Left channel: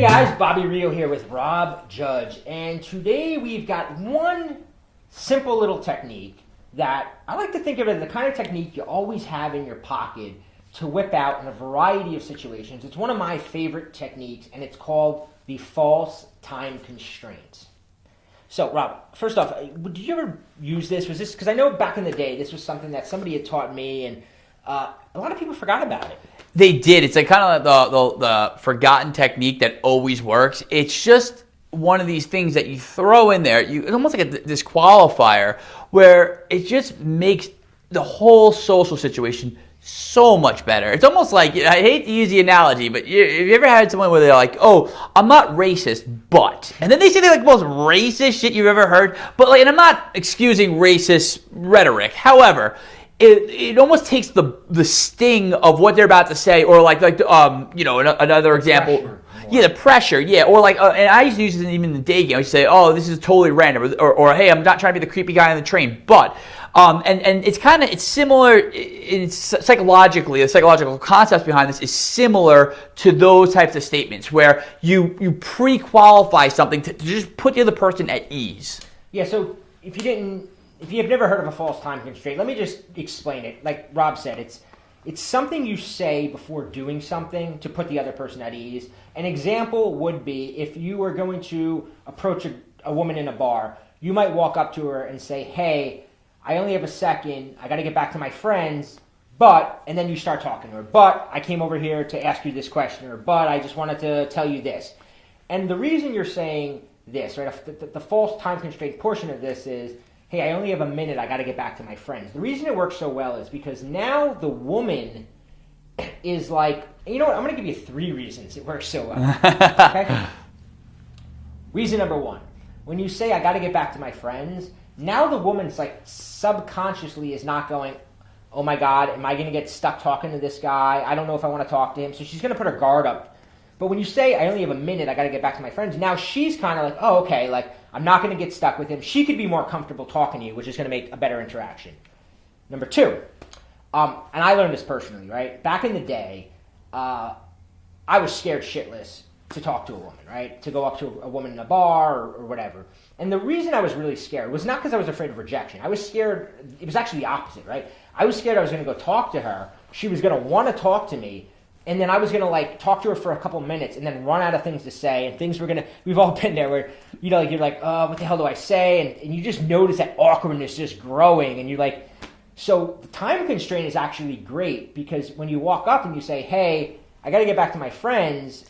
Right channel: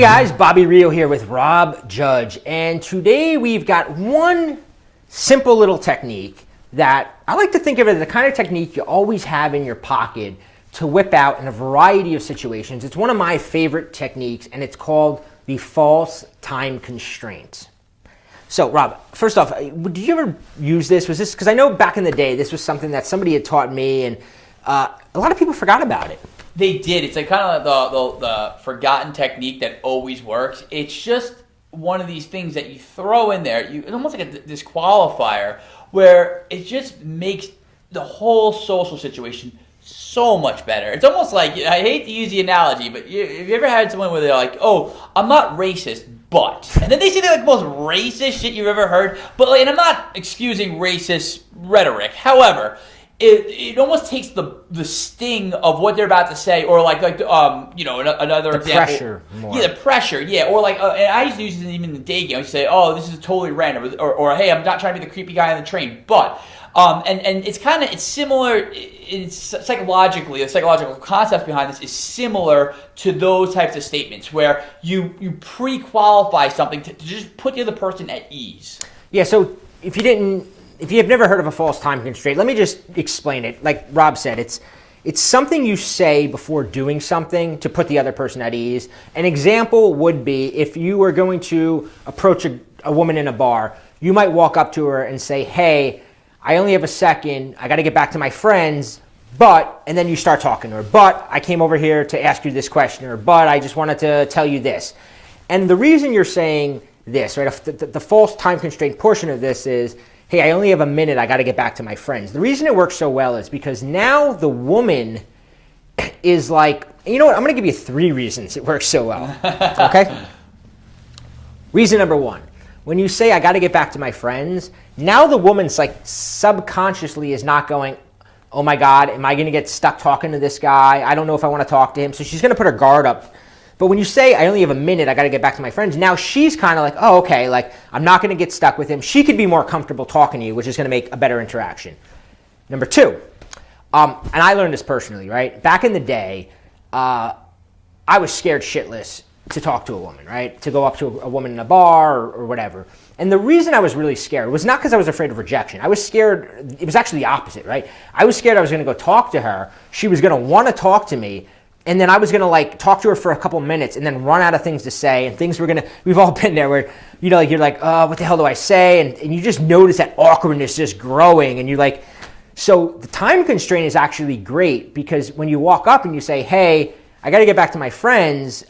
Hey guys, Bobby Rio here with Rob Judge, and today we've got one simple little technique that I like to think of as the kind of technique you always have in your pocket to whip out in a variety of situations. It's one of my favorite techniques, and it's called the False Time Constraint. So Rob, first off, did you ever use this? Was this, because I know back in the day this was something that somebody had taught me, and a lot of people forgot about it. They did. It's like kind of the forgotten technique that always works. It's just one of these things that you throw in there. It's almost like a disqualifier where it just makes the whole social situation so much better. It's almost like, I hate to use the analogy, but have you ever had someone where they're like, oh, I'm not racist, but. And then they say the most racist shit you've ever heard. But and I'm not excusing racist rhetoric. However, it almost takes the sting of what they're about to say, or another example. Pressure more. Yeah, the pressure. Yeah, or and I used to use it even in the day game. I used to say, "Oh, this is totally random," or "Hey, I'm not trying to be the creepy guy on the train," but. And it's similar. It's psychologically, the psychological concept behind this is similar to those types of statements where you pre-qualify something to just put the other person at ease. Yeah. So if you have never heard of a false time constraint, let me just explain it. Like Rob said, it's something you say before doing something to put the other person at ease. An example would be if you were going to approach a woman in a bar, you might walk up to her and say, "Hey, I only have a second. I got to get back to my friends, but," and then you start talking to her, "But I came over here to ask you this question," or "But I just wanted to tell you this." And the reason you're saying this, right, the false time constraint portion of this is, "Hey, I only have a minute. I got to get back to my friends." The reason it works so well is because now the woman is like, you know what? I'm going to give you 3 reasons it works so well. Okay? Reason number 1. When you say, "I got to get back to my friends," now the woman's like subconsciously is not going, "Oh my God, am I going to get stuck talking to this guy? I don't know if I want to talk to him." So she's going to put her guard up. But when you say, "I only have a minute, I got to get back to my friends," now she's kind of like, "Oh, okay, like I'm not going to get stuck with him." She could be more comfortable talking to you, which is going to make a better interaction. Number 2, and I learned this personally, right? Back in the day, I was scared shitless to talk to a woman, right? To go up to a woman in a bar or whatever. And the reason I was really scared was not because I was afraid of rejection. I was scared, it was actually the opposite, right? I was scared I was going to go talk to her. She was going to want to talk to me. And then I was going to talk to her for a couple minutes and then run out of things to say. And things were going to, we've all been there where, you're like, "Oh, what the hell do I say?" And you just notice that awkwardness just growing. And you're like, so the time constraint is actually great because when you walk up and you say, "Hey, I got to get back to my friends,"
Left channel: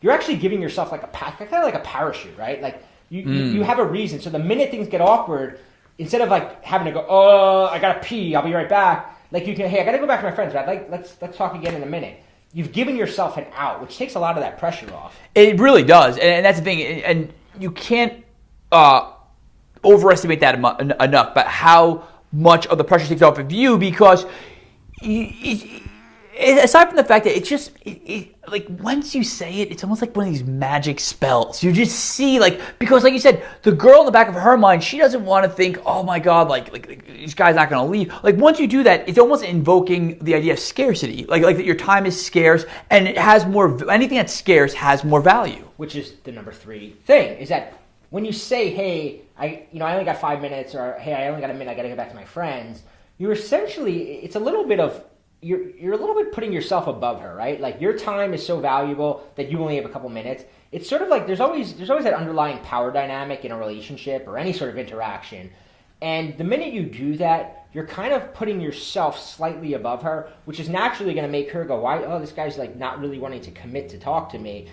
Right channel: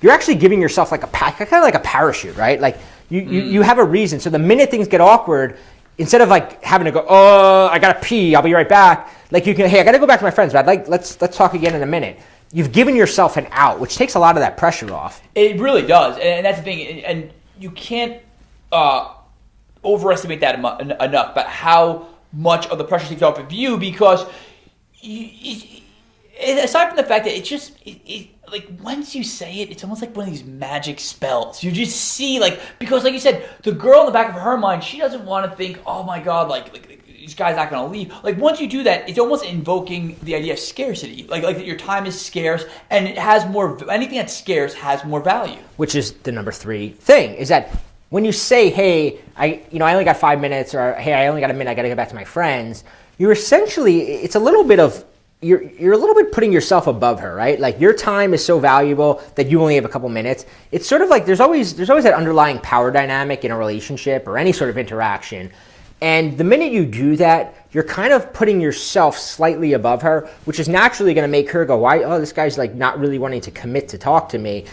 you're actually giving yourself like kind of like a parachute, right? Like you have a reason. So the minute things get awkward, instead of like having to go, "Oh, I got to pee, I'll be right back." Like you can, "Hey, I got to go back to my friends, but let's talk again in a minute." You've given yourself an out, which takes a lot of that pressure off. It really does, and that's the thing. And you can't overestimate that enough, but how much of the pressure takes off of you, because aside from the fact that it's just like once you say it, it's almost like one of these magic spells. You just see, because like you said, the girl in the back of her mind, she doesn't want to think, "Oh my God, like this guy's not going to leave." Like once you do that, it's almost invoking the idea of scarcity, like that your time is scarce, and it has more. Anything that's scarce has more value. Which is the number 3 thing, is that when you say, "Hey, I only got 5 minutes," or "Hey, I only got a minute, I got to get back to my friends," you're essentially, it's a little bit of, you're a little bit putting yourself above her, right? Like your time is so valuable that you only have a couple minutes. It's sort of like there's always that underlying power dynamic in a relationship or any sort of interaction. And the minute you do that, you're kind of putting yourself slightly above her, which is naturally going to make her go, "Why? Oh, this guy's like not really wanting to commit to talk to me."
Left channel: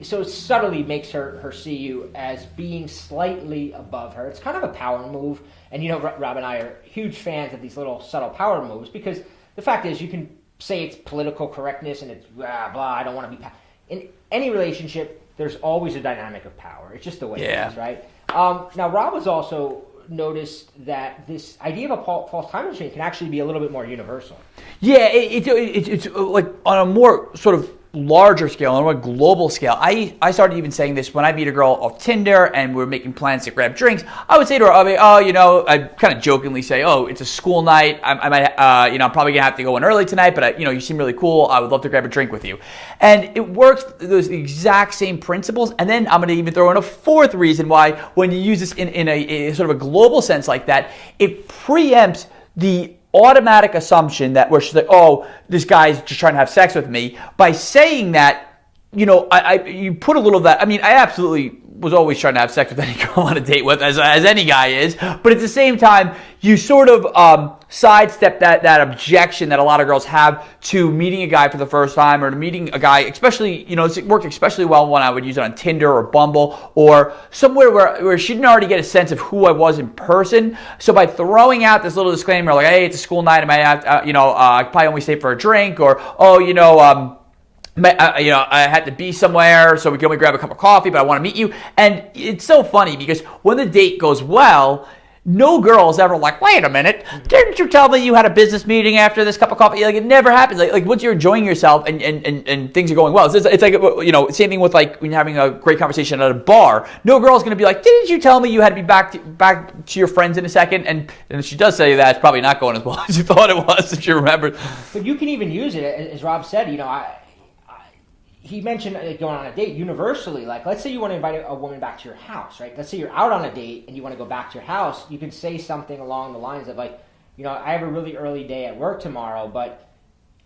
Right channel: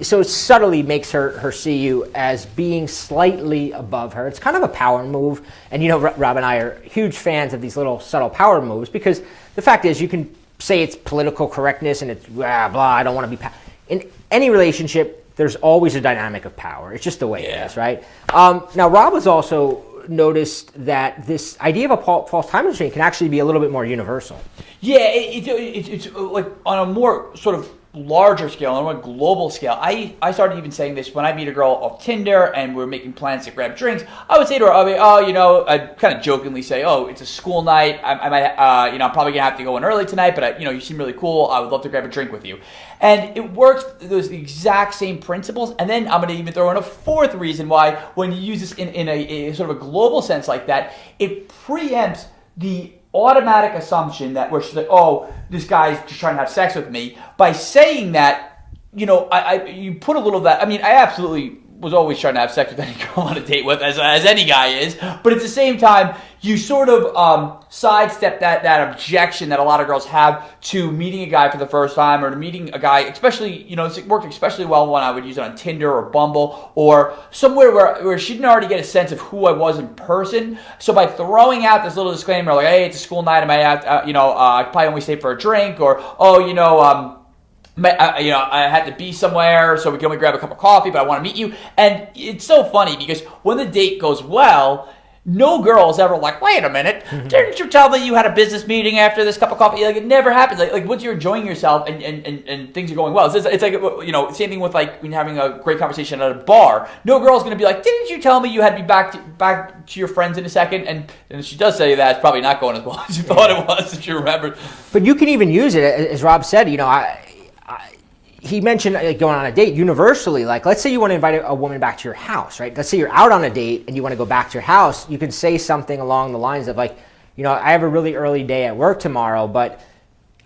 So it subtly makes her see you as being slightly above her. It's kind of a power move. And Rob and I are huge fans of these little subtle power moves because the fact is you can say it's political correctness and it's blah, I don't want to be in any relationship, there's always a dynamic of power. It's just the way it is, right? Now, Rob has also noticed that this idea of a false time constraint can actually be a little bit more universal. Yeah, it's like on a more sort of larger scale, on a global scale, I started even saying this when I meet a girl off Tinder and we're making plans to grab drinks. I would say to her, I'd kind of jokingly say, oh, it's a school night. I might, I'm probably gonna have to go in early tonight, but you seem really cool. I would love to grab a drink with you. And it works those exact same principles. And then I'm gonna even throw in a fourth reason why, when you use this in a sort of a global sense like that, it preempts the automatic assumption that where she's like, oh, this guy's just trying to have sex with me. By saying that, you put a little of that. I mean, I absolutely was always trying to have sex with any girl on a date with, as any guy is. But at the same time, you sort of sidestep that objection that a lot of girls have to meeting a guy for the first time, or to meeting a guy, especially, it worked especially well when I would use it on Tinder or Bumble or somewhere where she didn't already get a sense of who I was in person. So by throwing out this little disclaimer like, hey, it's a school night, I might have, I probably only stay for a drink, or, I had to be somewhere, so we can only grab a cup of coffee, but I want to meet you. And it's so funny because when the date goes well, no girl is ever like, wait a minute, didn't you tell me you had a business meeting after this cup of coffee? Like, it never happens. Like once you're enjoying yourself and things are going well, it's like, same thing with like when you're having a great conversation at a bar. No girl's going to be like, didn't you tell me you had to be back to your friends in a second? And if she does say that, it's probably not going as well as you thought it was, if you remember. But you can even use it, as Rob said, he mentioned going on a date universally. Like, let's say you want to invite a woman back to your house, right? Let's say you're out on a date and you want to go back to your house. You can say something along the lines of like, I have a really early day at work tomorrow, but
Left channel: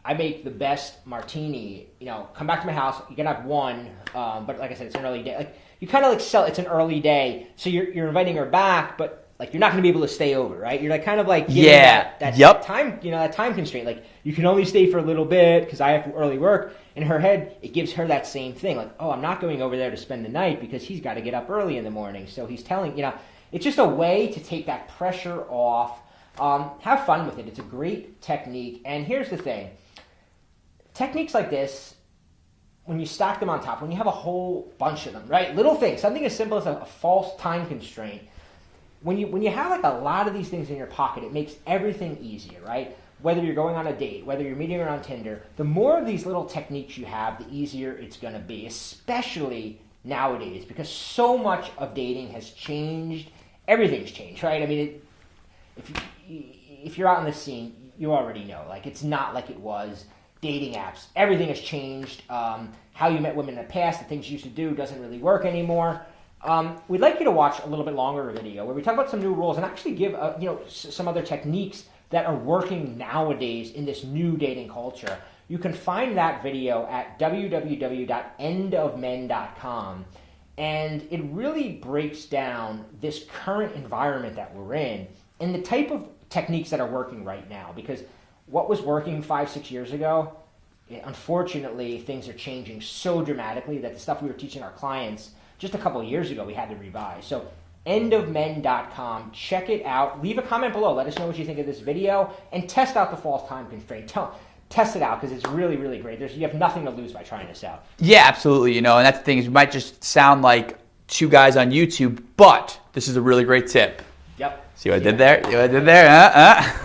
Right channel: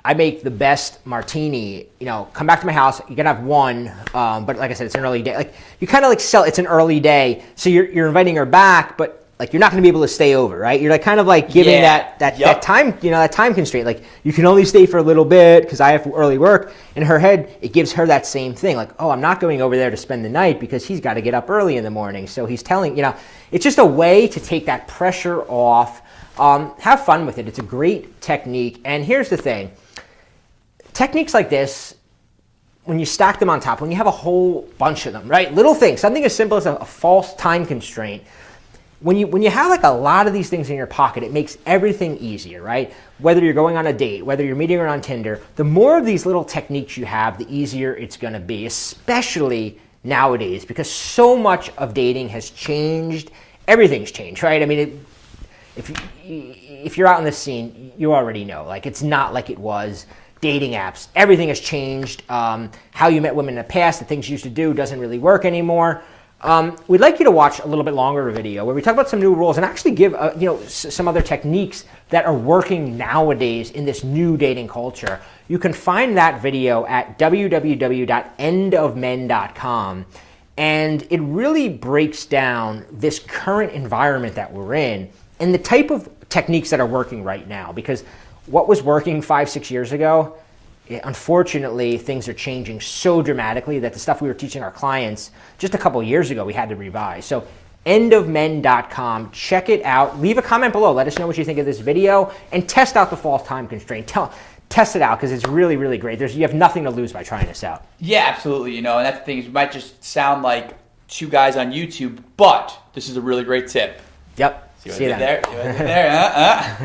I make the best martini. Come back to my house. You can have one, but like I said, it's an early day. Like, you kind of like sell. It's an early day, so you're inviting her back, but like you're not going to be able to stay over, right? You're like kind of like giving that time, that time constraint. Like, you can only stay for a little bit because I have early work. In her head, it gives her that same thing. Like, oh, I'm not going over there to spend the night because he's got to get up early in the morning. So he's telling, it's just a way to take that pressure off. Have fun with it. It's a great technique. And here's the thing. Techniques like this, when you stack them on top, when you have a whole bunch of them, right? Little things, something as simple as a false time constraint. When you have like a lot of these things in your pocket, it makes everything easier, right? Whether you're going on a date, whether you're meeting her on Tinder, the more of these little techniques you have, the easier it's going to be, especially nowadays, because so much of dating has changed. Everything's changed, right? I mean, if you're out in the scene, you already know. Like, it's not like it was. Dating apps, everything has changed. How you met women in the past, the things you used to do doesn't really work anymore. We'd like you to watch a little bit longer video where we talk about some new rules and actually give some other techniques that are working nowadays in this new dating culture. You can find that video at www.endofmen.com, and it really breaks down this current environment that we're in and the type of techniques that are working right now. Because what was working 5-6 years ago, unfortunately, things are changing so dramatically that the stuff we were teaching our clients just a couple of years ago, we had to revise. So endofmen.com, check it out. Leave a comment below. Let us know what you think of this video and test out the false time constraint. Test it out because it's really, really great. You have nothing to lose by trying this out. Yeah, absolutely. And that's the thing is, we might just sound like two guys on YouTube, but this is a really great tip. Yep. See what I did there? See what I did there?